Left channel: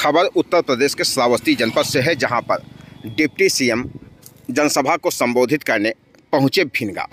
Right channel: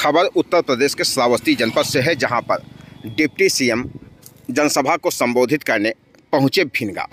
खबर उत्तर प्रदेश के श्रावस्ती जनपद से है, जहां पर डिप्टी सीएम जनसभा को संबोधित करने पहुंचे भिनगा।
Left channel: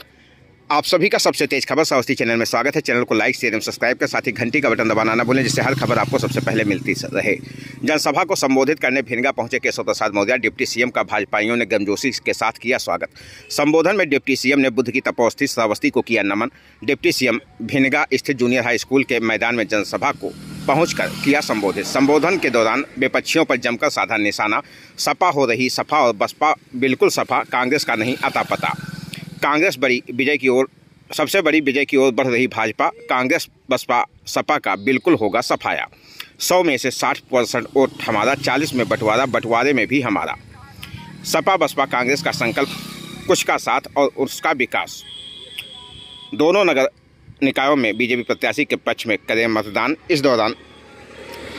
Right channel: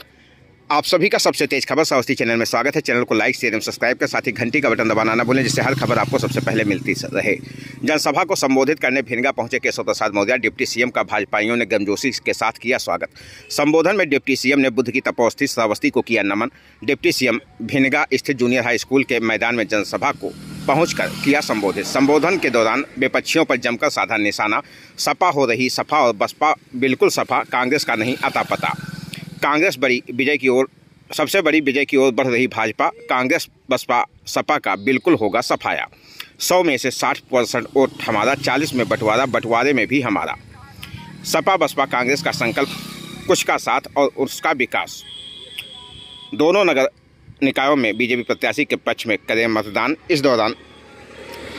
आप सभी का सबसे तेज खबर श्रावस्ती चैनल में स्वागत है। चैनल को लाइक शेयर एवं सब्सक्राइब कर साथ ही घंटी का बटन दबाना न भूलें, जिससे हर खबर आपको सबसे पहले मिलती रहे। जनसभा को संबोधित करने भिनगा पहुंचे केशव प्रसाद मौर्य डिप्टी सीएम का भाजपाइयों ने गर्मजोशी के साथ किया स्वागत। संबोधन में डिप्टी सीएम ने बुद्ध की तपोस्थित श्रावस्ती को किया नमन। डिप्टी सीएम भिनगा स्थित जूनियर हाई स्कूल के मैदान में जनसभा को पहुंचकर किया संबोधित। संबोधन के दौरान विपक्षियों पर जमकर साधा निशाना। सपा हो रही सफा और बसपा बिल्कुल सफा, कांग्रेस का नहीं अता पता। कांग्रेस बड़ी विजय की ओर, सबसे बड़ी विजय की ओर बढ़ रही भाजपा, कांग्रेस बसपा सपा का बिल्कुल होगा सफाया। 100 में से 60% वोट हमारा, 40 में बंटवारा, बंटवारे में भी हमारा। सपा बसपा कांग्रेस का संकल्प, कुछ का साथ और उसका विकास। दोनों नगर निकायों में बीजेपी प्रत्याशी के पक्ष में करें मतदान। इस दौरान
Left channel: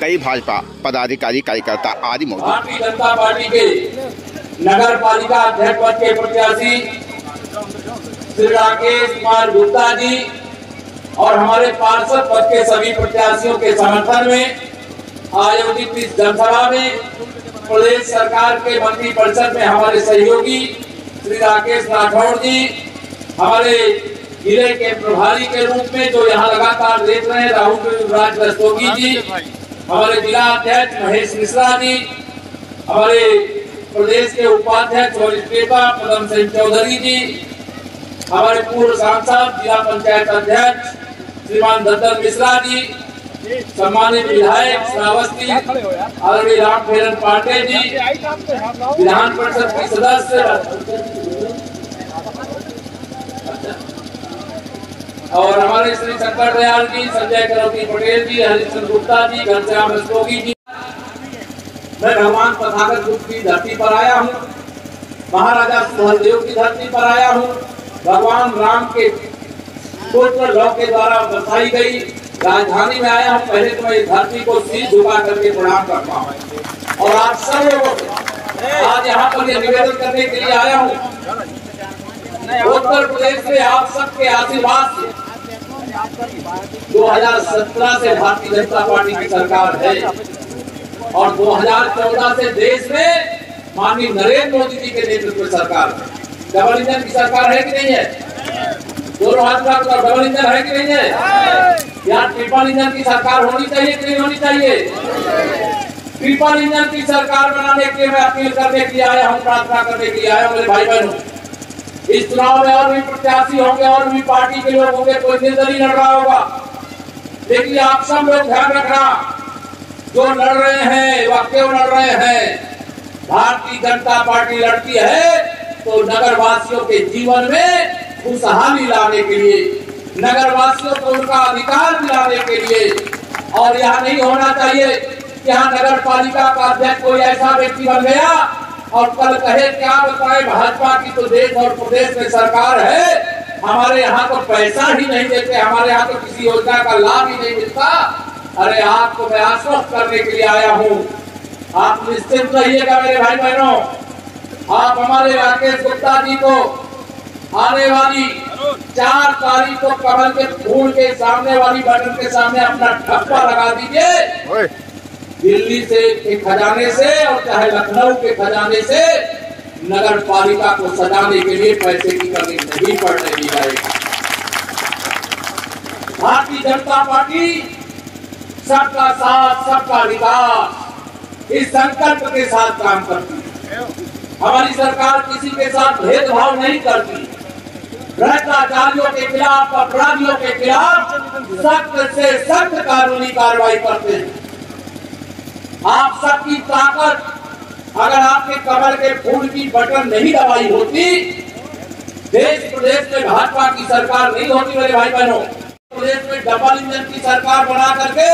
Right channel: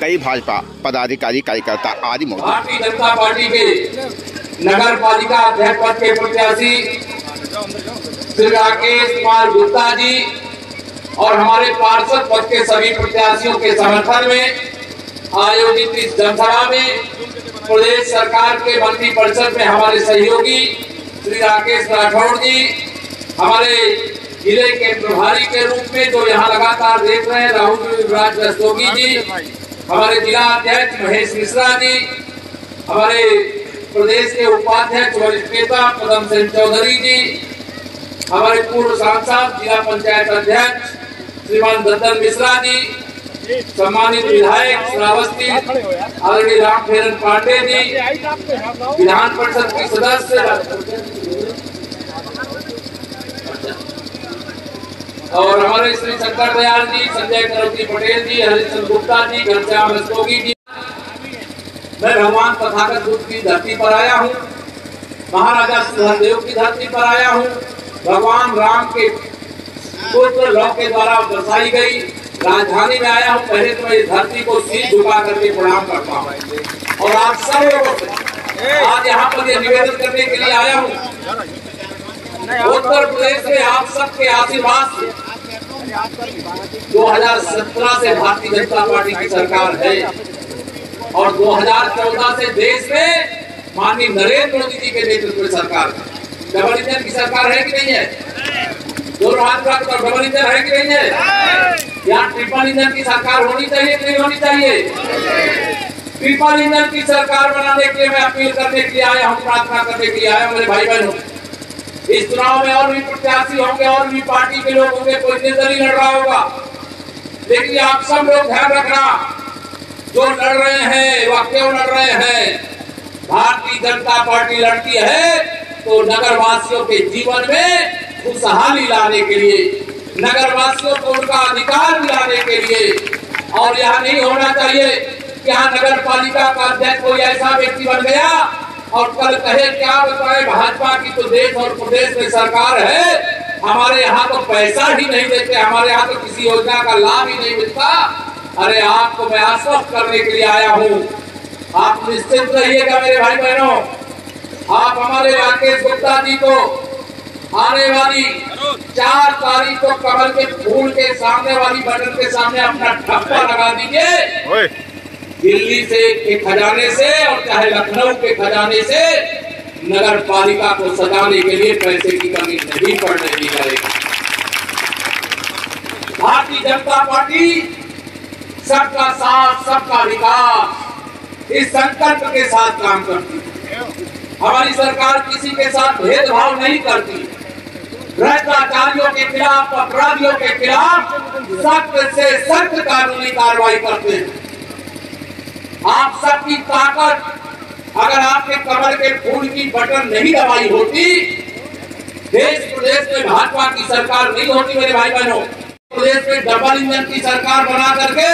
कई भाजपा पदाधिकारी कार्यकर्ता आदि मौजूद। भारतीय जनता पार्टी के नगर पालिका अध्यक्ष पद के प्रत्याशी श्री राकेश कुमार गुप्ता जी और हमारे पार्षद पद के सभी प्रत्याशियों के समर्थन में आयोजित इस जनसभा में प्रदेश सरकार के मंत्री परिषद में हमारे सहयोगी श्री राकेश राठौड़ जी, हमारे जिले के प्रभारी के रूप में जो यहाँ लगातार देख रहे हैं राहुल राज रस्तोगी जी, हमारे जिला अध्यक्ष महेश मिश्रा जी, हमारे प्रदेश के उपाध्यक्ष वरिष्ठ नेता पदम सिंह चौधरी जी, हमारे पूर्व सांसद जिला पंचायत अध्यक्ष श्रीमान दत्तन मिश्रा जी, सम्मानित विधायक श्रावस्ती आदरणीय रामफेरन पांडे जी, विधान परिषद के सदस्य और हमारे श्री शंकर दयाल जी, संजय करवती पटेल जी, हरिश्चंद्र गुप्ता जी, घनश्याम रस्तोगी जी। मैं भगवान तथागत बुद्ध की धरती पर आया हूँ, महाराजा सुहेलदेव की धरती पर आया हूँ, भगवान राम के पुत्र लव के द्वारा बसाई गई राजधानी में आया हूँ। पहले तो मैं इस धरती को शीश झुका करके प्रणाम करता हूँ और आप सब लोगों से आज यहाँ पर ये निवेदन करने के लिए आया हूँ, उत्तर प्रदेश में आप सबके आशीर्वाद से 2017 से भारतीय जनता पार्टी की सरकार है और 2014 से देश में माननीय नरेंद्र मोदी जी के नेतृत्व में सरकार है। डबल इंजन की सरकार है कि नहीं है? दोनों हाथ का डबल इंजन है कि नहीं है? यहाँ ट्रिपल इंजन की सरकार होनी चाहिए कि नहीं होनी चाहिए? ट्रिपल इंजन की सरकार बनाने के लिए मैं अपील करने के लिए आया हूँ, प्रार्थना करने के लिए आया हूँ। मेरे भाई बहनों, इस चुनाव में और भी प्रत्याशी होंगे और भी पार्टी के लोग होंगे, कोई निर्दलीय लड़ रहा होगा, लेकिन आप सब लोग ध्यान रखना, जो लड़ रहे हैं वह क्यों लड़ रहे हैं? भारतीय जनता पार्टी लड़ती है तो नगर वासियों के जीवन में खुशहाली लाने के लिए, नगर वासियों को उनका अधिकार दिलाने के लिए। और यह नहीं होना चाहिए कि यहाँ नगर पालिका का अध्यक्ष कोई ऐसा व्यक्ति बन गया और कल कहे क्या बताए भाजपा की तो देश और प्रदेश में सरकार है, हमारे यहाँ तो पैसा ही नहीं देते, हमारे यहाँ तो किसी योजना का लाभ ही नहीं मिलता। अरे आपको मैं आश्वस्त करने के लिए आया हूँ, आप निश्चित रहिएगा मेरे भाई बहनों। आप हमारे राकेश गुप्ता जी को आने वाली 4 तारीख को कमल के फूल के सामने वाली बटन के सामने अपना ठप्पा लगा दीजिए। दिल्ली के खजाने से और चाहे लखनऊ के खजाने से नगर पालिका को सजाने के लिए पैसे की कमी नहीं पड़ने दी जाएगी। भारतीय जनता पार्टी सबका साथ सबका विकास इस संकल्प के साथ काम करती है। हमारी सरकार किसी के साथ भेदभाव नहीं करती, भ्रष्टाचारियों के खिलाफ, अपराधियों के खिलाफ सख्त से सख्त कानूनी कार्रवाई करते हैं। आप सबकी ताकत, अगर आपने कमल के फूल की बटन नहीं दबाई होती, देश प्रदेश में भाजपा की सरकार नहीं होती। मेरे भाई बहनों, प्रदेश में डबल इंजन की सरकार बना करके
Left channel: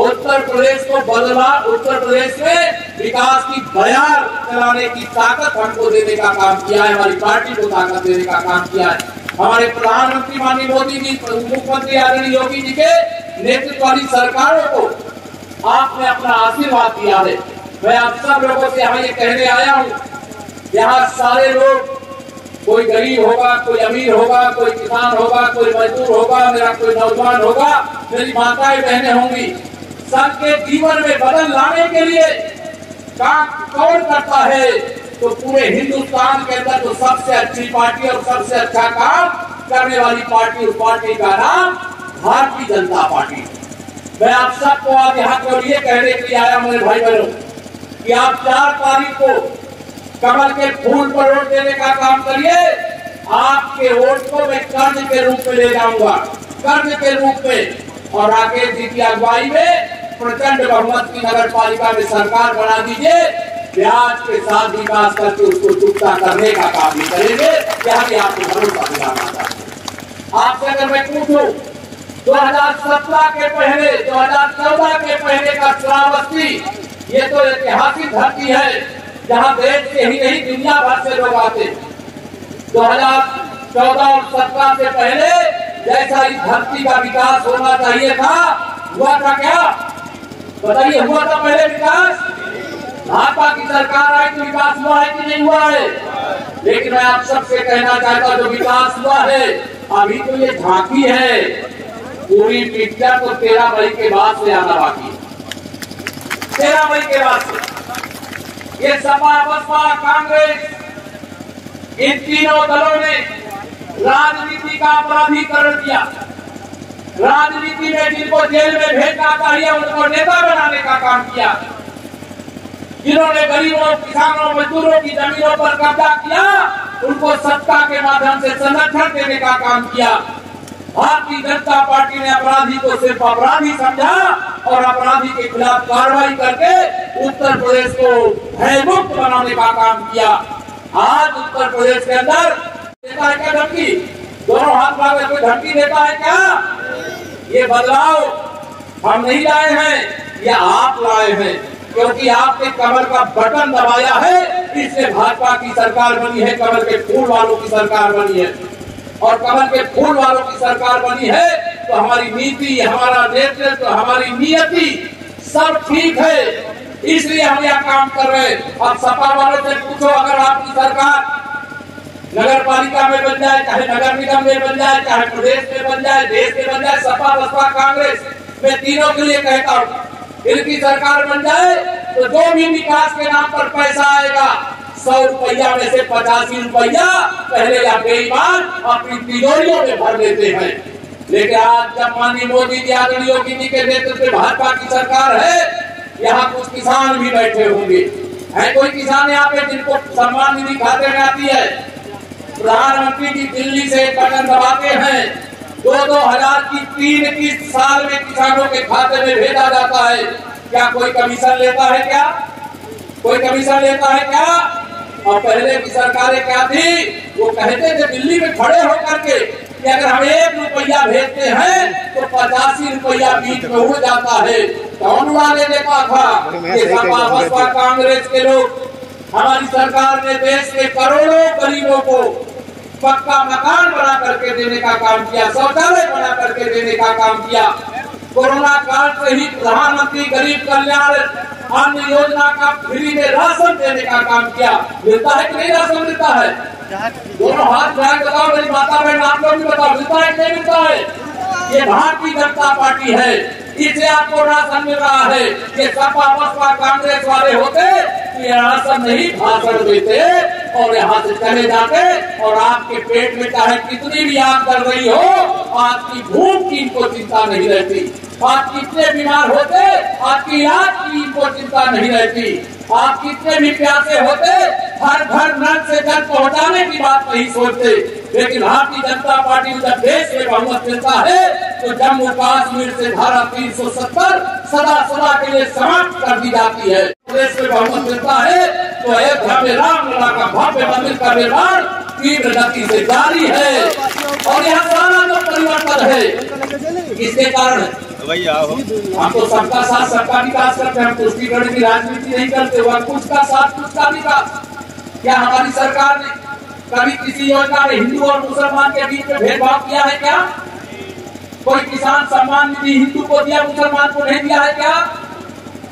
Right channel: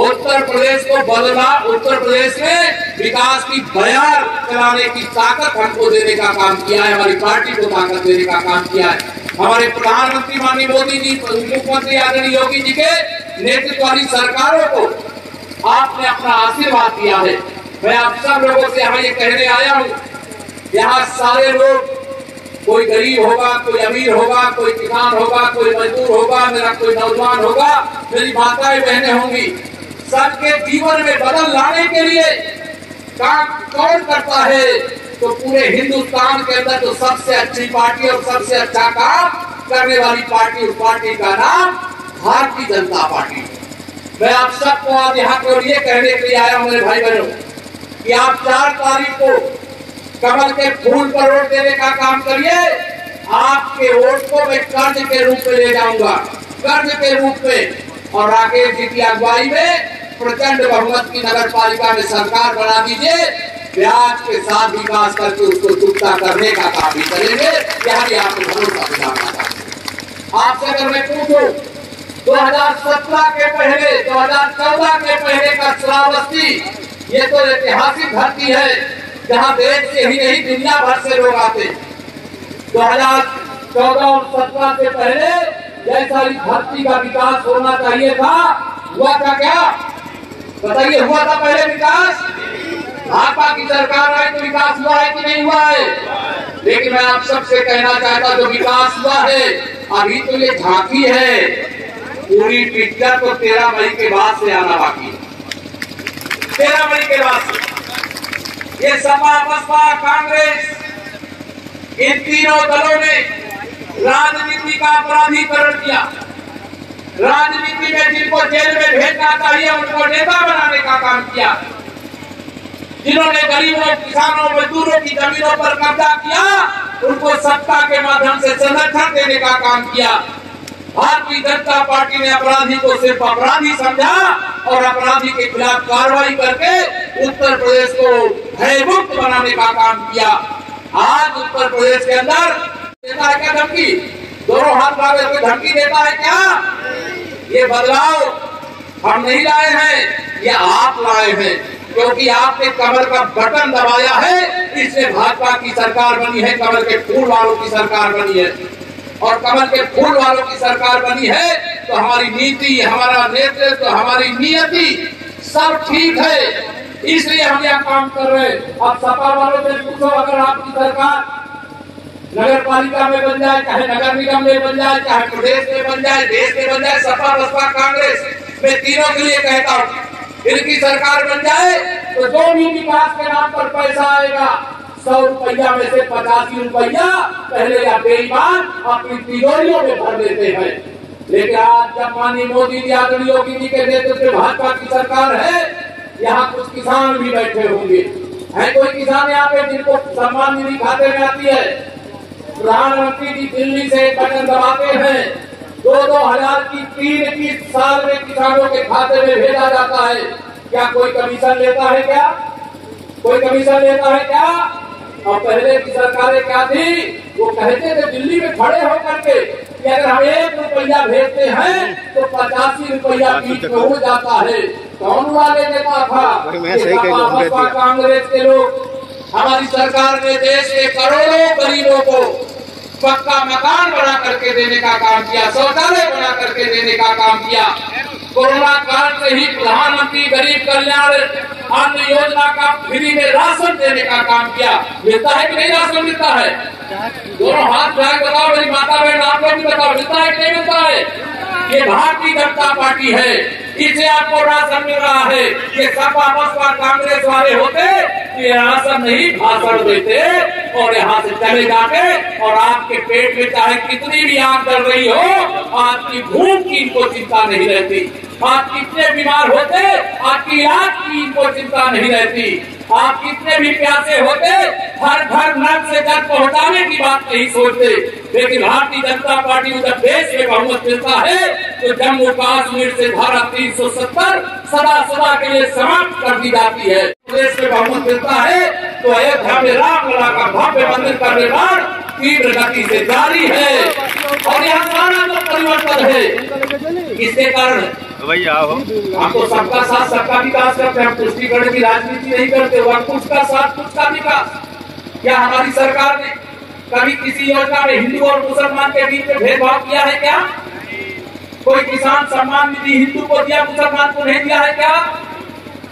उत्तर प्रदेश को बदला, उत्तर प्रदेश में विकास की बयार चलाने की ताकत हमको देने का काम किया है, हमारी पार्टी को ताकत देने का काम किया है। हमारे प्रधानमंत्री माननीय मोदी जी, मुख्यमंत्री आदरणीय योगी जी के नेतृत्व वाली सरकारों को आपने अपना आशीर्वाद दिया है। मैं आप सब लोगों से यहाँ ये कहने आया हूँ, यहाँ सारे लोग, कोई गरीब होगा, कोई अमीर होगा, कोई किसान होगा, कोई मजदूर होगा, मेरा कोई नौजवान होगा, मेरी माताएं बहनें होंगी, सबके जीवन में बदल लाने के लिए काम कौन करता है, तो पूरे हिंदुस्तान के अंदर तो सबसे अच्छी पार्टी और सबसे अच्छा काम करने वाली पार्टी, उस पार्टी का नाम भारतीय जनता पार्टी। मैं आप सबको आज यहाँ पर ये कहने के लिए आया हूँ मेरे भाई बहनों कि आप 4 तारीख को कमल के फूल पर वोट देने का काम करिए। आपके वोट को मैं कर्ज के रूप में ले जाऊंगा, कर्ज के रूप में, और राकेश जी की अगुवाई में प्रचंड बहुमत की नगर पालिका में सरकार बना दीजिए। ब्याज के साथ विकास करके उसको चुकता करने का काम भी करेंगे। यहाँ भी आपको भरोसा दिलाना चाहिए। आपसे अगर मैं पूछूं 2017 के पहले, 2014 के पहले का श्रावस्ती, ये तो ऐतिहासिक धरती है जहाँ देश से ही नहीं दुनिया भर से लोग आते। 2014 और 17 से पहले जैसा इस धरती का विकास होना चाहिए था, हुआ था क्या? बताइए, हुआ था पहले विकास? भाजपा की सरकार आई तो विकास हुआ है कि नहीं हुआ है? लेकिन मैं आप सबसे कहना चाहता जो विकास हुआ है अभी तो ये झांकी है, पूरी पिक्चर तो 13 मई के बाद से आना बाकी है। 13 मई के बाद से ये सपा, बसपा, कांग्रेस, इन तीनों दलों ने राजनीति का अपराधीकरण किया। राजनीति में जिनको जेल में भेजना चाहिए उनको नेता बनाने का काम किया। जिन्होंने गरीबों, किसानों, मजदूरों की जमीनों पर कब्जा किया उनको सत्ता के माध्यम से संरक्षण देने का काम किया। भारतीय जनता पार्टी ने अपराधी को सिर्फ अपराधी समझा और अपराधी के खिलाफ कार्रवाई करके उत्तर प्रदेश को भयमुक्त बनाने का काम किया। आज उत्तर प्रदेश के अंदर देता है क्या धमकी? दोनों हाथ मांगे कोई धमकी देता है क्या? ये बदलाव हम नहीं लाए हैं, ये आप लाए हैं, क्योंकि आपने कमल का बटन दबाया है, इससे भाजपा की सरकार बनी है, कमल के फूल वालों की सरकार बनी है। और कमल के फूल वालों की सरकार बनी है तो हमारी नीति, हमारा नेतृत्व, हमारी नियति सब ठीक है, इसलिए हम यह काम कर रहे हैं। अब सपा वालों से पूछो, अगर आपकी सरकार नगर पालिका में बन जाए, चाहे नगर निगम में बन जाए, चाहे प्रदेश में बन जाए, देश में बन जाए, सपा, बसपा, कांग्रेस, मैं तीनों के लिए कहता हूँ इनकी सरकार बन जाए तो जो भी विकास के नाम पर पैसा आएगा 100 रुपया में से 85 रुपया पहले या बेईमान अपनी तिजोरियों में भर देते हैं। लेकिन आज जब माननीय मोदी जी, आदरणीय योगी जी के नेतृत्व में भाजपा की सरकार है, यहाँ कुछ किसान भी बैठे होंगे। है कोई किसान यहाँ पे जिनको सम्मान निधि खाते में आती है? प्रधानमंत्री जी दिल्ली से एक बटन दबाते हैं, 2-2 हजार की 3 किस्त साल में किसानों के खाते में भेजा जाता है। क्या कोई कमीशन लेता है क्या? कोई कमीशन लेता है क्या? और पहले की सरकारें क्या थी, वो कहते थे दिल्ली में खड़े होकर के कि अगर हम 1 रुपया भेजते हैं तो 85 रुपया बीच में उड़ जाता है। कौन उड़ाने देता था? ये सपा, बसपा, कांग्रेस के लोग। हमारी सरकार ने देश के करोड़ों गरीबों को पक्का मकान बना करके देने का काम किया, शौचालय बना करके देने का काम किया। कोरोना काल से ही प्रधानमंत्री गरीब कल्याण अन्न योजना का फ्री में राशन देने का काम किया। मिलता है कि नहीं राशन? मिलता है। दोनों हाथ उठा के बताओ, मेरी माता बहन आप लोग भी बताओ, मिलता है कि नहीं मिलता है? ये भारतीय जनता पार्टी है, इसे आपको राशन मिल रहा है। ये सपा, बसपा, कांग्रेस वाले होते ये राशन नहीं भाषण देते और यहाँ से चले जाते और आपके पेट में चाहे कितनी भी आग जल रही हो, आपकी भूख की इनको चिंता नहीं रहती। आप कितने बीमार होते, आपकी इलाज की इनको चिंता नहीं रहती। आप कितने भी प्यासे होते, हर घर नल से जल पहुँचाने की बात नहीं सोचते। लेकिन भारतीय जनता पार्टी को जब देश में बहुमत मिलता है तो जम्मू कश्मीर से धारा 370 सदा के लिए समाप्त कर दी जाती है। देश में बहुमत मिलता है तो अयोध्या में रामलला का भव्य मंदिर का निर्माण तीव्र गति से जारी है और यहाँ सारा जो परिवर्तन है किसके कारण? हम तो सबका साथ सबका विकास करते हैं, हम तुष्टिकरण की राजनीति नहीं करते। वह कुछ का साथ कुछ का विकास। क्या हमारी सरकार ने कभी किसी योजना में हिंदू और मुसलमान के बीच में भेदभाव किया है क्या? कोई किसान सम्मान निधि हिंदू को दिया, मुसलमान को नहीं दिया है क्या?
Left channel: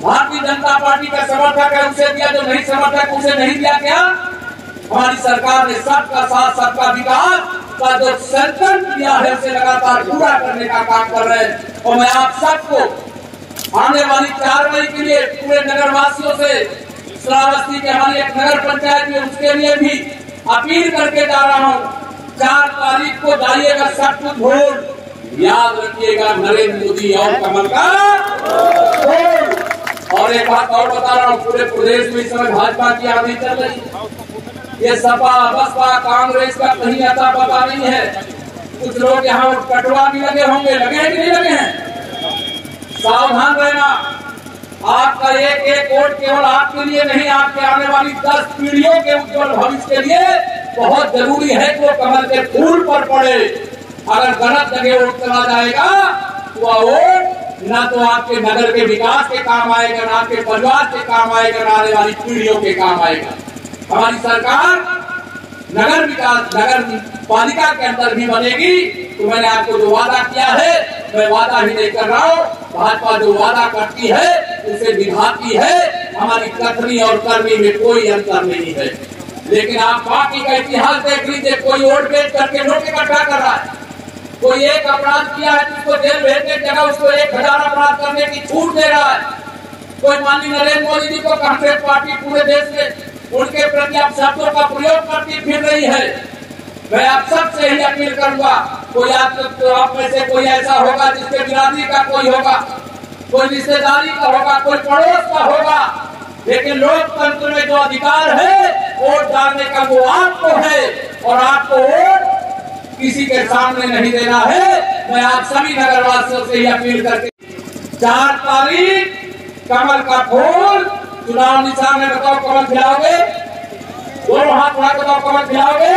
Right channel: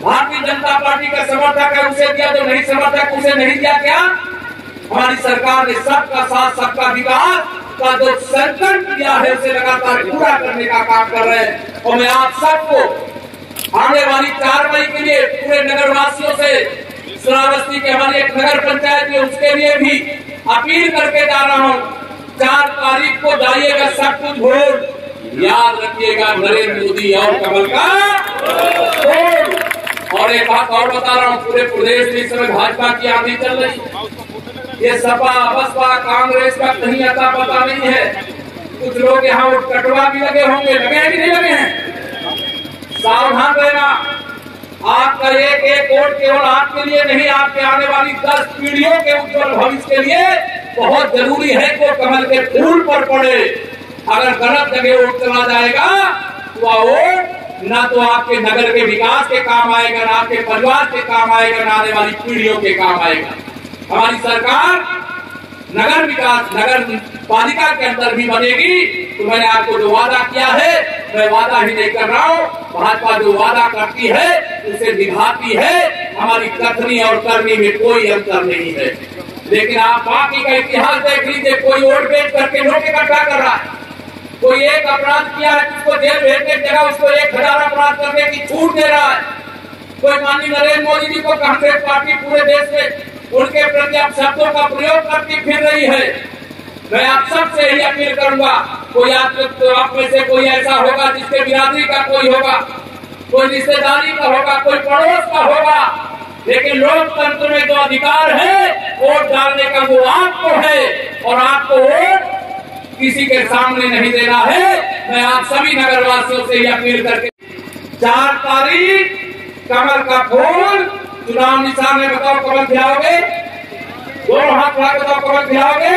भारतीय जनता पार्टी का समर्थक है उसे दिया, जो नहीं समर्थक उसे नहीं दिया क्या? हमारी सरकार ने सबका साथ सबका विकास का जो संकल्प किया है उसे लगातार पूरा करने का काम कर रहे हैं। और मैं आप सबको आने वाली 4 मई के लिए पूरे नगर वासियों से श्रावस्ती के हमारी एक नगर पंचायत है उसके लिए भी अपील करके जा रहा हूँ। 4 तारीख को जाइएगा सब कुछ वोट, याद रखिएगा नरेंद्र मोदी और कमल का वोट। और एक बात और बता रहा हूँ, पूरे प्रदेश में इस समय भाजपा की आंधी चल रही है। ये सपा बसपा कांग्रेस का कहीं अता पता नहीं है। कुछ लोग यहाँ कटवा भी लगे होंगे, लगे हैं कि नहीं लगे हैं? सावधान रहना। आपका एक एक वोट केवल आपके लिए नहीं, आपके आने वाली 10 पीढ़ियों के उज्जवल भविष्य के लिए बहुत जरूरी है कि वो कमल के फूल पर पड़े। अगर गलत जगह वोट चला जाएगा तो वह वोट न तो आपके नगर के विकास के काम आएगा, न आपके परिवार के काम आएगा, न आने वाली पीढ़ियों के काम आएगा। हमारी सरकार नगर विकास नगर पालिका के अंदर भी बनेगी। तो मैंने आपको जो वादा किया है, मैं वादा ही नहीं कर रहा हूँ, भाजपा जो वादा करती है उसे निभाती है। हमारी कथनी और करनी में कोई अंतर नहीं है। लेकिन आप बाकी का इतिहास देख लीजिए, कोई वोट बेच करके नोट इकट्ठा कर रहा है, कोई एक अपराध किया है जिसको जेल भेजने की जगह उसको 1000 अपराध करने की छूट दे रहा है। कोई माननीय नरेंद्र मोदी जी को कांग्रेस पार्टी पूरे देश में उनके प्रति आप शब्दों का प्रयोग करती फिर रही है। मैं आप सबसे ही अपील करूंगा, कोई आप में से कोई ऐसा होगा जिसके बिरादरी का कोई होगा, कोई रिश्तेदारी का होगा, कोई पड़ोस का होगा, लेकिन लोकतंत्र में जो अधिकार है वोट डालने का वो आपको है और आपको वोट किसी के सामने नहीं देना है। मैं आप सभी नगरवासियों से ही अपील करके 4 तारीख कमल का फूल चुनाव निशान में, बताओ कमल खिलाओगे? दोनों हाथ बढ़ा बताओ कमल खिलाओगे?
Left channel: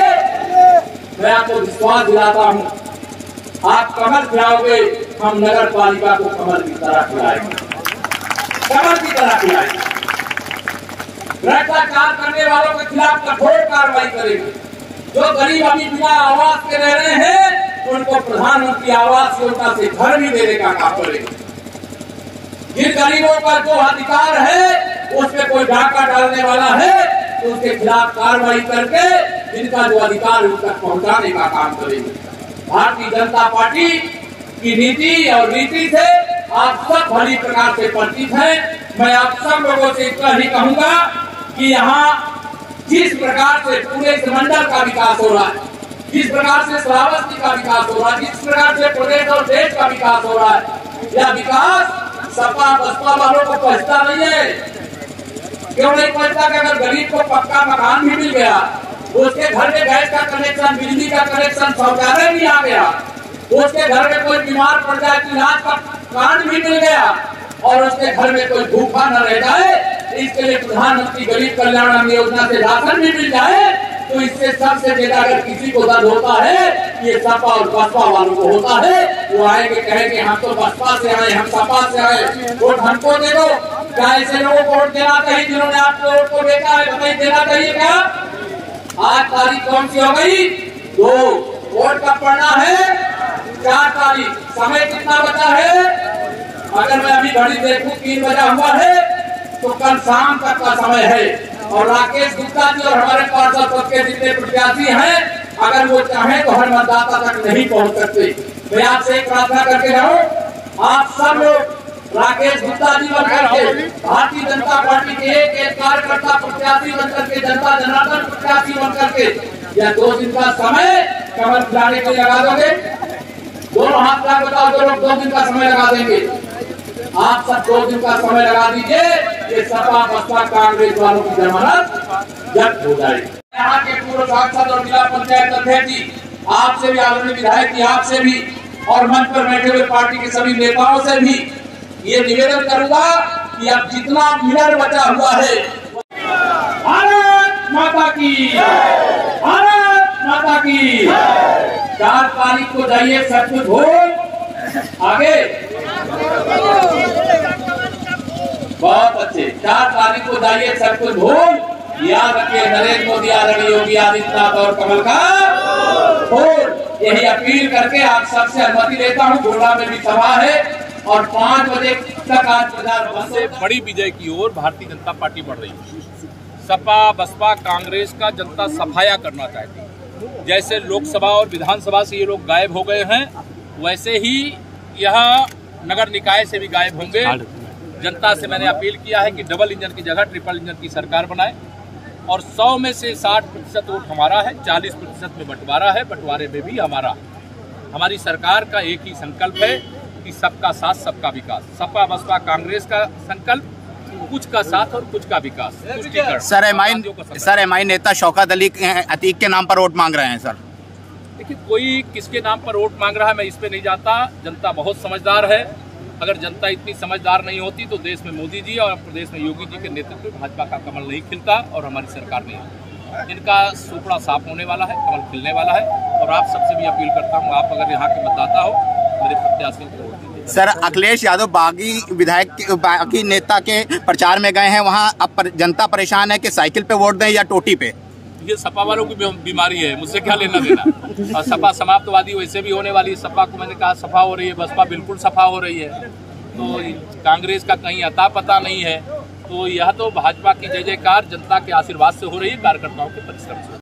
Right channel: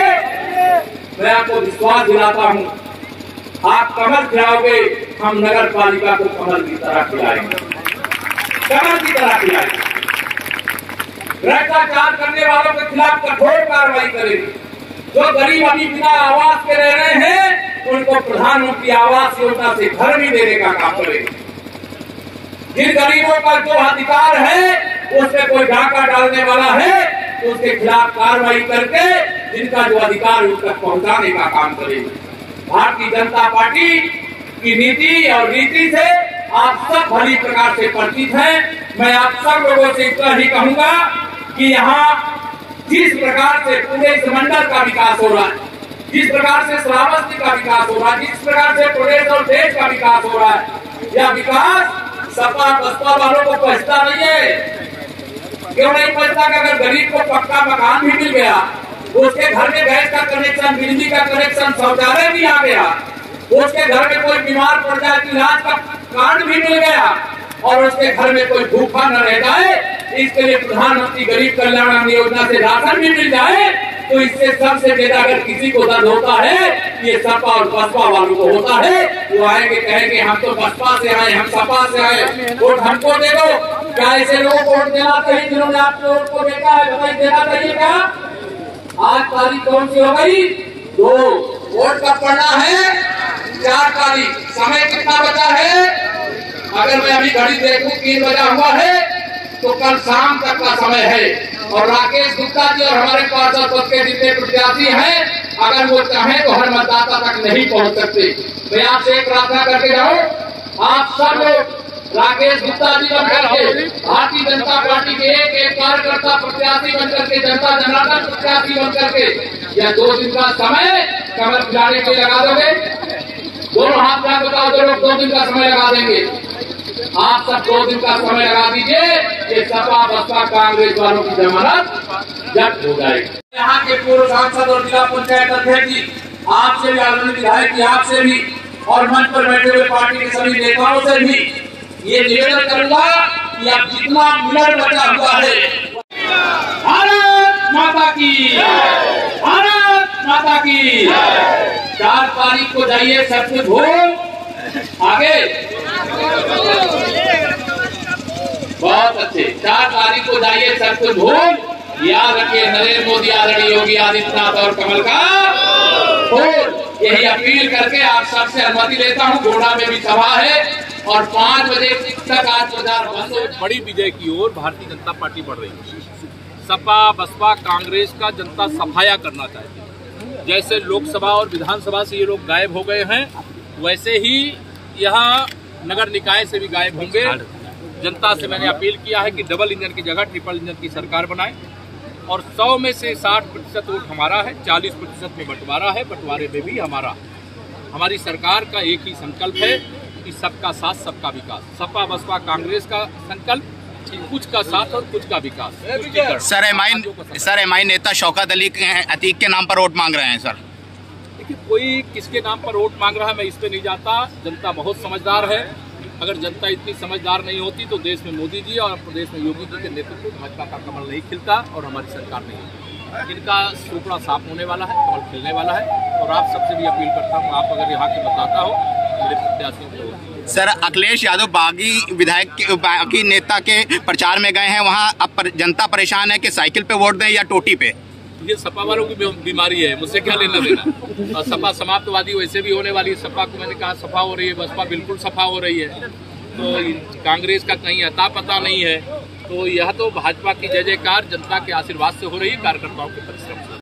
मैं आपको विश्वास दिलाता हूँ, आप कमल खिलाओगे, हम नगर पालिका को कमल की तरह खिलाएंगे, कमल की तरह खिलाएंगे। भ्रष्टाचार करने वालों के खिलाफ कठोर कार्रवाई करेंगे। जो गरीब अभी बिना आवास के रह रहे हैं उनको प्रधानमंत्री आवास योजना से घर भी देने का काम करेंगे। जिन गरीबों का जो अधिकार है उसमें कोई डाका डालने वाला है तो उसके खिलाफ कार्रवाई करके जिनका जो अधिकार उन तक पहुंचाने का काम करेंगे। भारतीय जनता पार्टी की नीति और नीति से आप सब भली प्रकार से परिचित हैं। मैं आप सब लोगों से इतना ही कहूंगा कि यहाँ जिस प्रकार से पूरे इस मंडल का विकास हो रहा है, जिस प्रकार से श्रावस्ती का विकास हो रहा है, जिस प्रकार से प्रदेश और देश का विकास हो रहा है, यह विकास सपा बसपा वालों को पहुंचता नहीं है। क्यों नहीं पहुंचता? कि अगर गरीब को पक्का मकान भी मिल गया, उसके घर में गैस का कनेक्शन, बिजली का कनेक्शन, शौचालय भी आ गया, उसके घर में कोई बीमार पड़ जाए तो इलाज का कार्ड भी मिल गया और उसके घर में कोई भूखा न रह जाए, इसके लिए प्रधानमंत्री गरीब कल्याण अन्न योजना से राशन भी मिल जाए, तो इससे सबसे ज्यादा अगर किसी को दर्द होता है ये सपा और बसपा वालों को होता है। वो आएंगे कहेंगे हम तो बसपा से आए, हम सपा से आए, वोट हमको दे दो। क्या ऐसे लोगों को वोट देना चाहिए जिन्होंने आपको वोट को बेचा है? बताइए, देना चाहिए क्या? आज तारीख कौन सी हो गई? 2। वोट कब पड़ना है? 4 तारीख। समय कितना बचा है? अगर मैं अभी घड़ी देखूं 3 बजा हुआ है तो कल शाम तक का समय है। और राकेश गुप्ता जी और हमारे पार्षद पद के जितने प्रत्याशी हैं, अगर वो चाहें तो हर मतदाता तक नहीं पहुंच सकते। मैं आपसे एक प्रार्थना करके जाऊं, आप सब लोग राकेश गुप्ता जी बनकर के, भारतीय जनता पार्टी के एक कार्यकर्ता प्रत्याशी बनकर के, जनता जनार्दन प्रत्याशी बनकर के, यह 2 दिन का समय कमल खिलाने के लिए लगा दोगे? दोनों हाथ का बताओ, जो लोग 2 दिन का समय लगा देंगे, आप सब 2 दिन का समय लगा दीजिए। ये सपा बसपा कांग्रेस वालों की जमानत जब्त हो जाएगी। यहाँ के पूर्व सांसद और जिला पंचायत अध्यक्ष जी, आपसे भी, आदरणीय विधायक जी, आपसे भी और मंच पर बैठे हुए पार्टी के सभी नेताओं से भी ये निवेदन करूंगा कि अब जितना मिनट बचा हुआ है, भारत माता की, भारत माता की। 4 तारीख को जाइए, सब कुछ भूल आगे। बहुत अच्छे। 4 तारीख को जाइए, सब कुछ भूल। याद रखिए, नरेंद्र मोदी, आदरणीय योगी आदित्यनाथ और कमल का फूल। यही अपील करके आप सबसे अनुमति लेता हूं। गोड़ा में भी सभा है और 5 बजे तक आज बाजार बंद हो। बड़ी विजय की ओर भारतीय जनता पार्टी बढ़ रही है। सपा बसपा कांग्रेस का जनता सफाया करना चाहती है। जैसे लोकसभा और विधानसभा से ये लोग गायब हो गए हैं, वैसे ही यहाँ नगर निकाय से भी गायब होंगे जनता से मैंने अपील किया है कि डबल इंजन की जगह ट्रिपल इंजन की सरकार बनाए और 100 में से 60% वोट हमारा है, 40% में बंटवारा है, बंटवारे में भी हमारी सरकार का एक ही संकल्प है कि सबका साथ सबका विकास। सपा बसपा कांग्रेस का संकल्प कुछ का साथ और कुछ का विकास। सर एमआई नेता शौकत अली अतीक के नाम पर वोट मांग रहे हैं सर। देखिए, कोई किसके नाम पर वोट मांग रहा है मैं इस पे नहीं जाता। जनता बहुत समझदार है। अगर जनता इतनी समझदार नहीं होती तो देश में मोदी जी और प्रदेश में योगी जी के नेतृत्व में भाजपा का कमल नहीं खिलता और हमारी सरकार नहीं है। इनका सुपड़ा साफ होने वाला है, कमल खिलने वाला है। और आप सबसे भी अपील करता हूँ, आप अगर यहाँ के मतदाता हो, मेरे प्रत्याशियों को वोट दीजिए। सर अखिलेश यादव बागी विधायक बागी नेता के प्रचार में गए हैं, वहाँ अब जनता परेशान है कि साइकिल पे वोट दें या टोटी पे। ये सपा वालों की बीमारी है, मुझसे क्या लेना देना। और सपा समाप्तवादी वैसे भी होने वाली है। सपा को मैंने कहा सफा हो रही है, बसपा बिल्कुल सफा हो रही है। तो कांग्रेस का कहीं अता पता नहीं है। तो यह तो भाजपा की जय जयकार जनता के आशीर्वाद से हो रही है, कार्यकर्ताओं के परिश्रम से।